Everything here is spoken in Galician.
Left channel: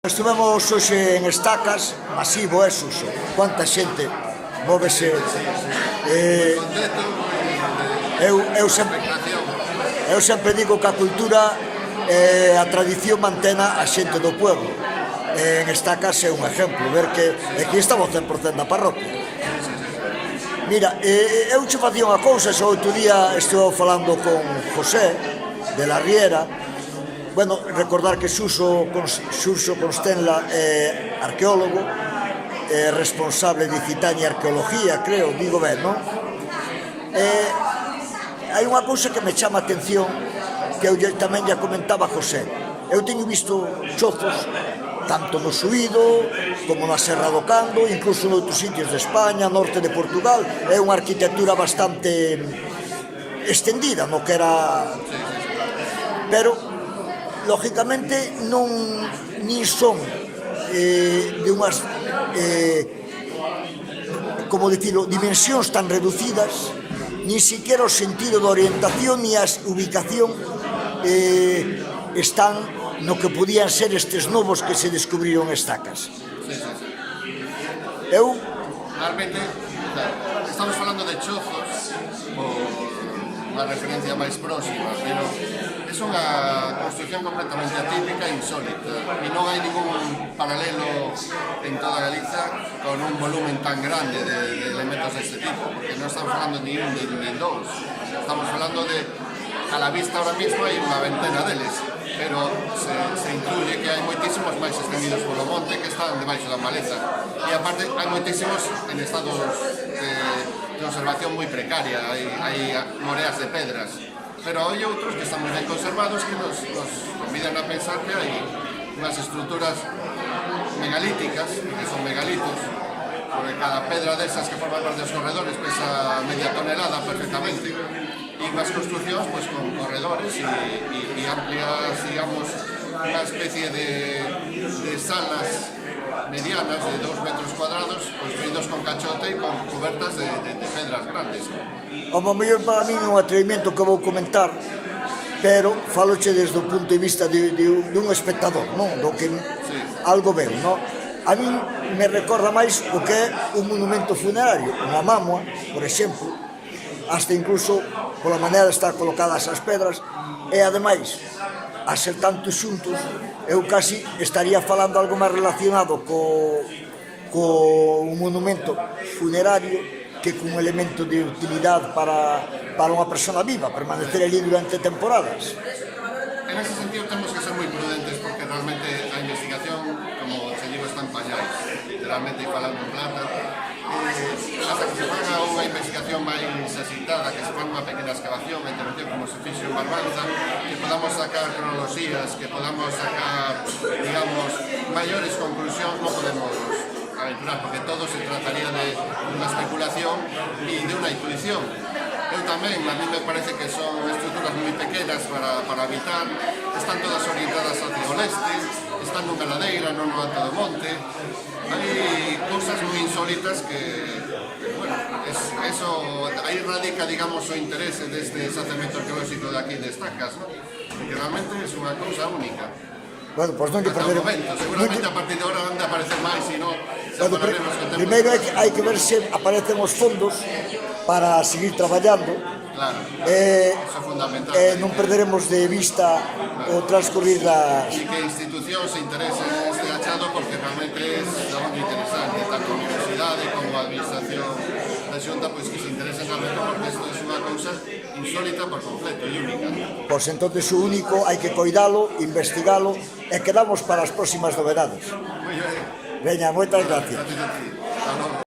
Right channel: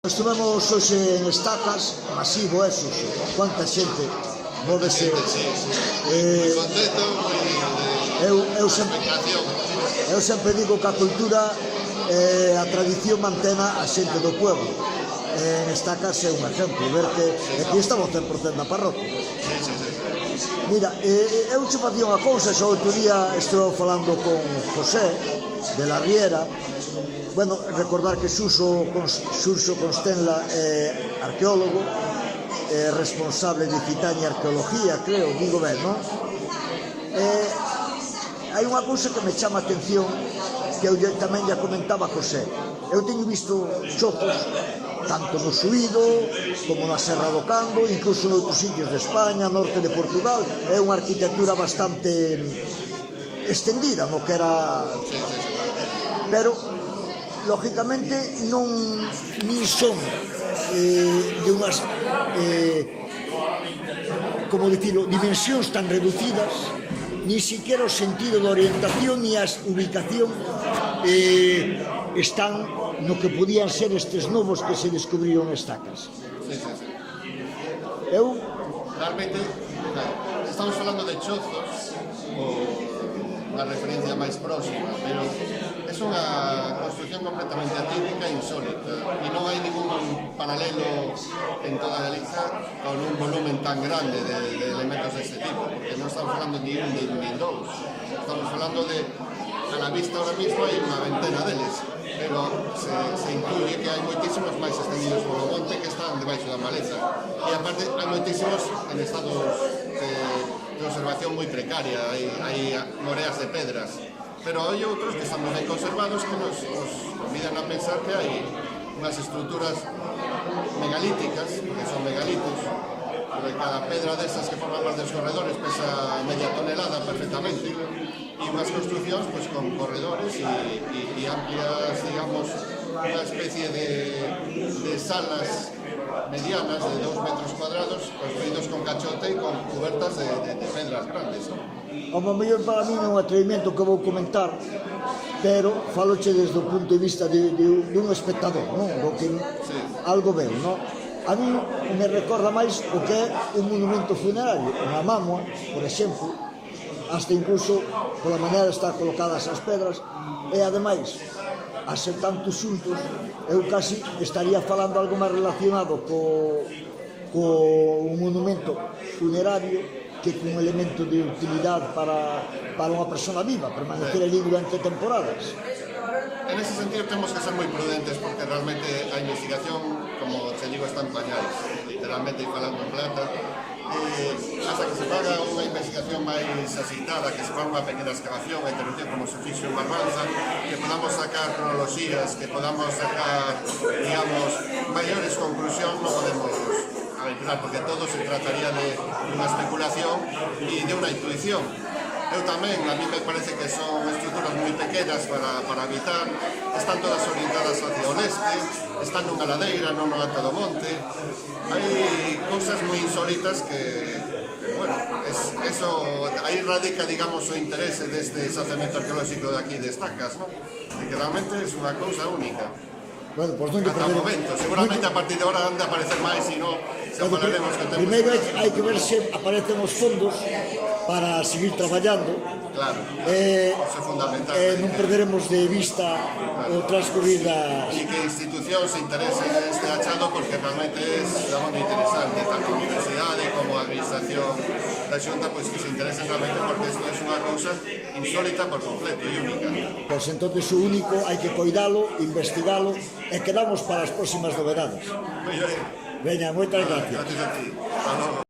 Estivemos hoxe en Estacas, masivo é Suso. Cuánta xente móvese. Moi contento, expectación. Eu sempre digo que a cultura e a tradición mantena a xente do pueblo. En Estacas é un exemplo, ver que aquí estamos 100% na parroquia. Mira, eu che facía unha cousa, o outro día estou falando con José de la Riera. Bueno, recordar que Suso Constenla é arqueólogo, é responsable de Citania Arqueología, creo, digo ben, non? Hai unha cousa que me chama a atención, que eu tamén ya comentaba a José. Eu teño visto chozos, tanto no Suído, como na Serra do Cando, incluso noutros sitios de España, norte de Portugal. É unha arquitectura bastante extendida, no que era... Pero, lógicamente, non nin son de unhas, como dicilo, dimensións tan reducidas, nin siquiera o sentido da orientación ni a ubicación están no que podían ser estes novos que se descubriron Estacas. Eu... Realmente, estamos falando de chozos, unha referencia máis próxima, pero é unha construcción completamente atípica e insólita, e non hai ningún paralelo en toda Galiza con un volumen tan grande de elementos deste tipo, porque non estamos falando ni un ni dous, estamos falando de, a la vista ahora mismo hai unha ventena deles, pero se intuye que hai moitísimos máis extendidos polo monte que están debaixo da maleza, e aparte hai moitísimos en estados de observación moi precaria, hai moreas de pedras, pero hai outros que están moi ben conservados que nos convidan a pensar que hai unhas estruturas megalíticas, que son megalitos, porque cada pedra desas que forma parte dos corredores pesa media tonelada perfectamente, e unhas construccións pues, con corredores e amplias, digamos, unha especie de salas medianas de 2 metros cuadrados construídos con cachote e con cubertas de pedras grandes. Como mellor para mí é un atrevimento que vou comentar, pero faloche desde o punto de vista dun espectador, non? Do que algo veo, non? A mí me recorda máis o que é un monumento funerario, unha mámoa, por exemplo, hasta incluso pola maneira de estar colocadas as pedras, e ademais, a ser tantos xuntos, eu casi estaría falando algo máis relacionado co un monumento funerario que cun elemento de utilidade para unha persona viva, permanecer ali durante temporadas. En ese sentido temos que ser moi prudentes porque realmente a investigación, como te digo, está en pañais, literalmente falando en plata, hasta que se faga unha investigación máis asitada, que se faga unha pequena excavación, a intervención como se fixo en Barbanza, que podamos sacar cronoloxías, que podamos sacar, digamos, maiores conclusións, non podemos aventurar, porque todo se trataría de unha especulación e de unha intuición. Eu tamén, a mí me parece que son estruturas moi pequenas para habitar, están todas orientadas hacia o leste, están nunha ladeira, non no alto do monte. Hai cousas moi insólitas que bueno, eso, aí radica, digamos, o interese deste xacemento arqueolóxico de aquí de Estacas, non? De que realmente é unha cousa única. Bueno, pois non lle ata o momento, seguramente a partir de ahora han de aparecer máis, e non, se falaremos que o tempo... Primeiro hai que ver se aparecen os fondos para seguir traballando. Claro, eso é fundamental. Non perderemos de vista o transcurrir das... E que institucións se interesen neste achado, porque realmente é daban interesante, tanto a universidade como a administración da Xunta, pois que se interesen realmente, porque isto é unha cousa insólita por completo e única. Pois entonces o único hai que coidalo, investigalo e quedamos para as próximas novedades. Moi ben. Veña, moitas gracias. Gracias a ti.